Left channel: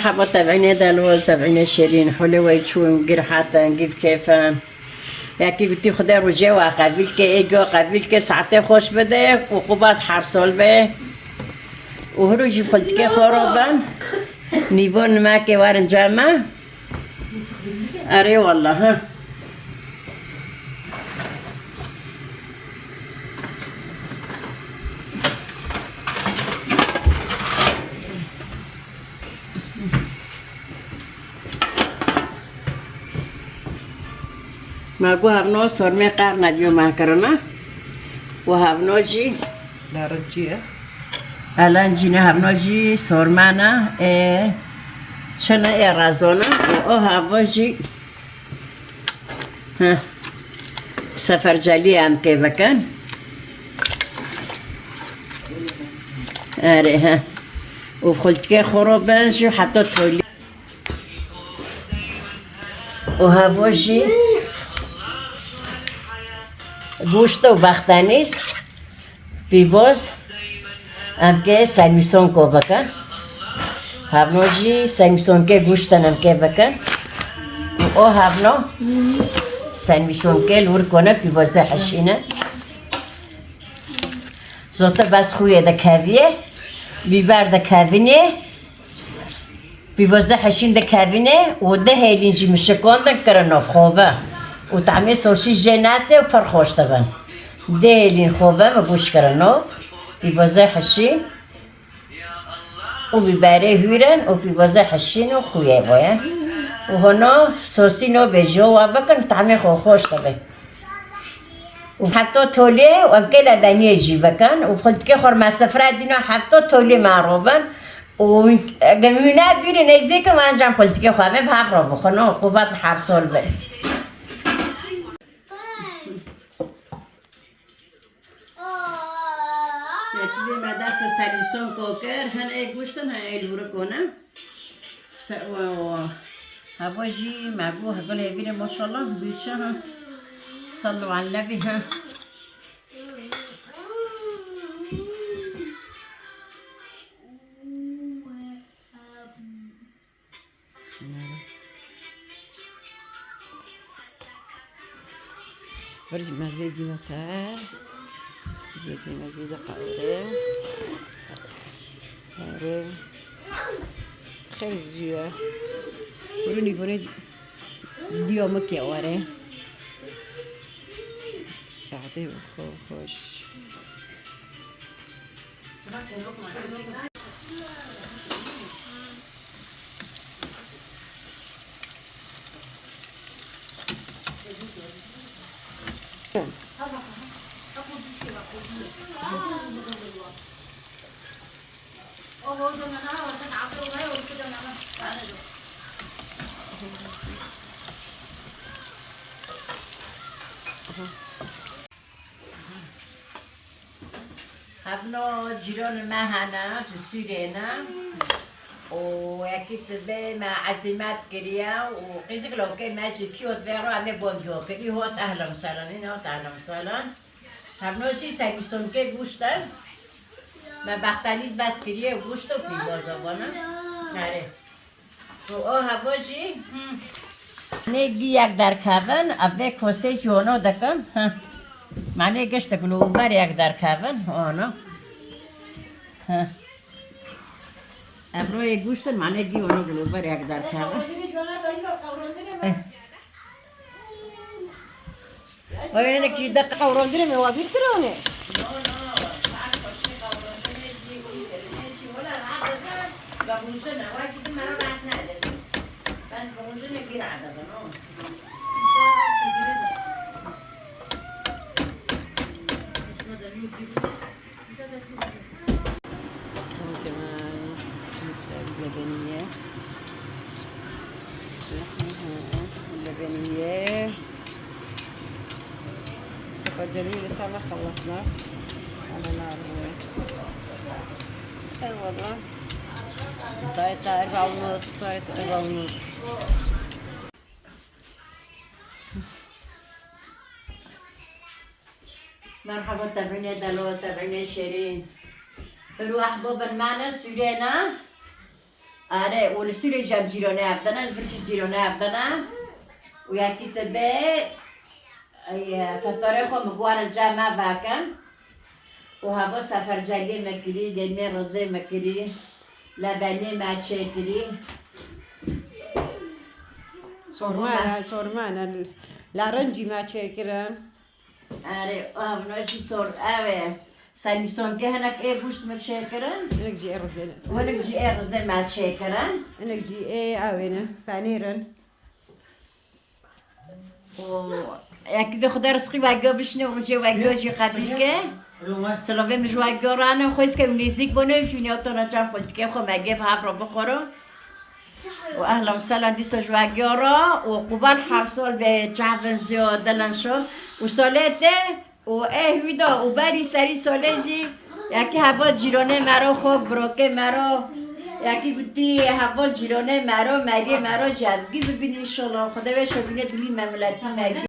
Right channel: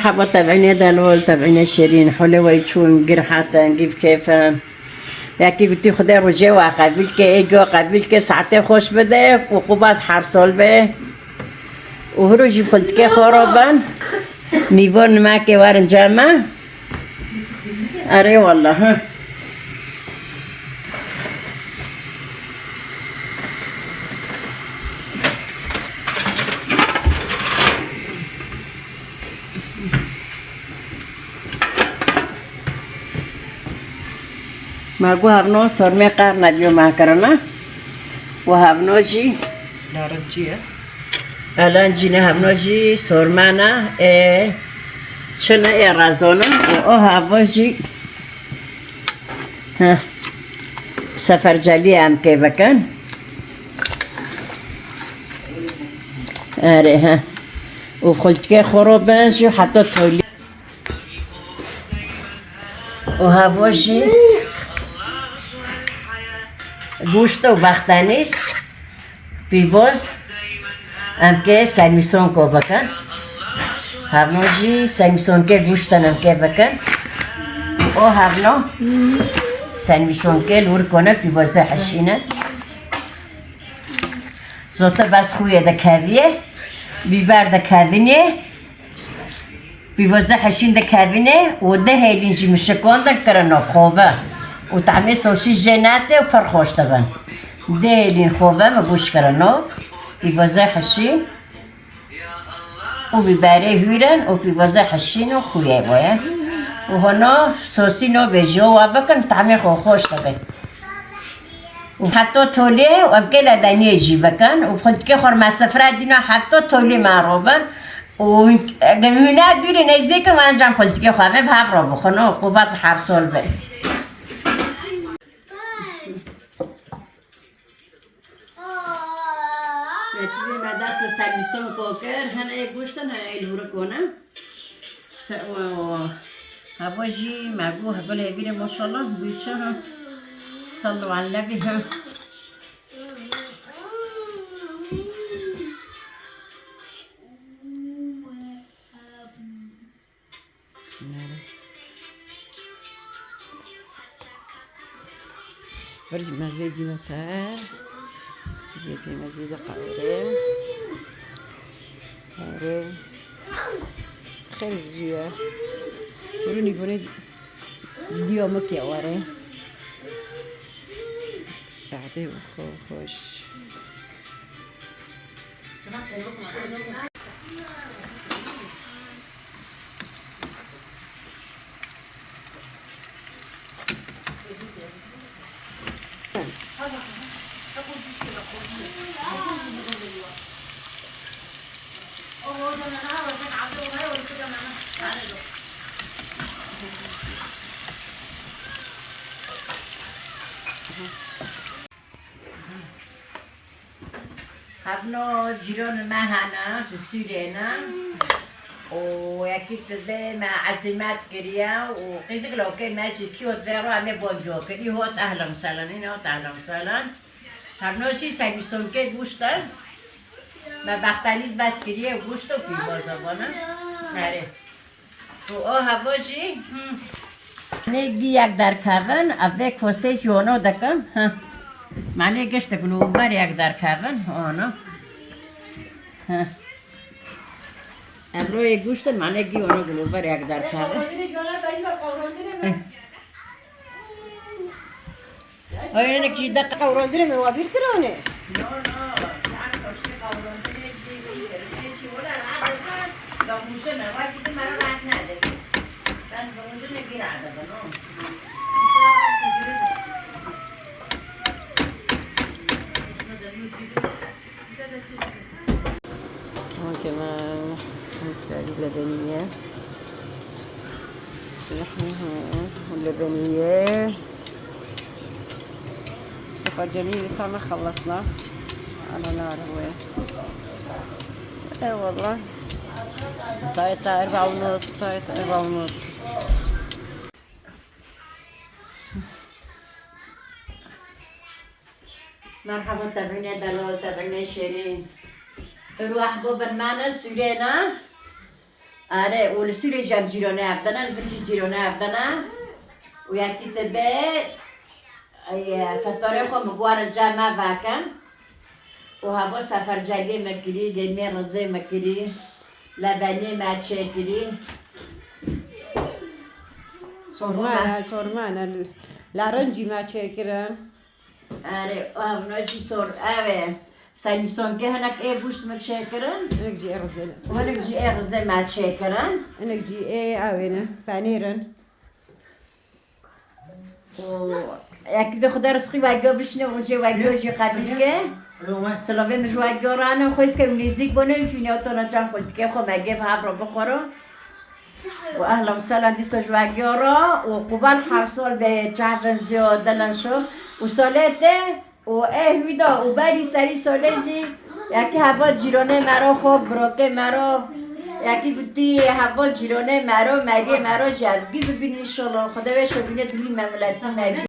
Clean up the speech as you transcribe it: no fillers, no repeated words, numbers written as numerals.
مرحبا تابعيني دلول تابعيني شيرين حلوة يشون قرحاتا نجيب كيفا یکی گویی خدا رو جوا قبیل که ایگو قبیل که ساعته خوش بده و قباد حرسال به و هر روزی خلط که خرابن نیوان ما که وارن جمع اره والله ها ماگو هفنو سرمه قار نبیو ما کرنا و هفنو جی نارنجیه الان جینه هفنو جی سرمه نه چنه رازونه و هوا جی سفرجلی هم که بکن اره ها و خلطکه خورو جی حتی تولی و هوا جی گوشت و بختنیست بیباز هم که سمیسون کو بکن هفنو جی سمیسون که گوشتن هم که بکن او هفنو سمیسون که لور کنه بیبازه حشینه زوتا بس خویه ده کویه بیبر ده کوینه بیبازه حشین ده کوینه و ده هیلینجی مشکان ده کرناف خوبه و طعمه سوسی جناته و پر خوش دبن ده هیلین خوبه و گوش کرناف بیبازه حشین و بیبره هیرن و بیبازه حشین و خویه باید و هنا سوسی نو بجو و بکن طعمه خوش دبن و حتی توله و امکه لدنیه جی بکن و خود که خور مسافره دینا حتی توله معروبن و گمونه بیری نزدیک من جام خود که خواهمه به حق را بخونه و قوبت هر سال بری یکی ما دست به سلیسون کوکر هنه گوشتن هنه ایلورو کنم و هوا جی مگو هگل ایویر ماشالله بیچه ها صلوا على النبي ها برج مزيدي مسار جيتي مزيدة قوري قوري خير الزيوة وروني بوني بيومك يا وري ساعتي خوش قبلا جيران ما هنا في سورينا وياكيد تدي مع عزمت كريا وقيسك لو كان ماشي كيوت فيرو عمي بونجو كري هو أهلا وسهلا هنا أهلا وسهلا قبلا شي سايبستون كي گوشتن ما بختنیز بس كريا گوشت و پیبازا بانا نره و هوا جي نيجي یک در کبن اوه کسه جوانو دکم معنی گشت گلوبر یک در کبن آنا امروی گوشت معنی گی اونا گلوبر یک در کبن آیا نکی دقیق قوراندیره موابیر کرانه كمان مساعد لبنية اللبنية سفرجلي لسه ما خلصنا على نار وين اي والله ساعة 4:30 ساعة 4:30 مرحبا تابعيني دلال تابعيني شيرين الواحد بالمعنى سورينا آره ولسوری جام جیرانه افدانه البته جیرانه افدانه و یکی تبه افطارا خو مگوار الجامع باکن و هوا سفر جلی مکری گرمی رزه مکری لبنی مچه کری سورمانه لارنجی ما چکرن آره ناشی سور آره سایمسون که هنک ای بوشت مچه کرن انك جي ارزل ولك جی رزه مچه کرن انك جي ايه اوينه فانيرن یکی به خدا رسخی وگا بشنه و جه وگا جه قبیل که سلامه مش وگا رانه خویست که میزیک بونه شونی آتانا جم خلط که خو مگه و هف را بخورو و اهلا و سلام دیسا جوگا را و قبال 7 سال به چهون زیاده لنشو و سالته و ویدا و بری سری ساله جی یکی هوا جیرانه مرا خوب براکه مرا یکی بودی هوا جیرانه مرا مگه مرا جدگی ببینی انشالله خدا بهش ببینه دلی مملتی مگه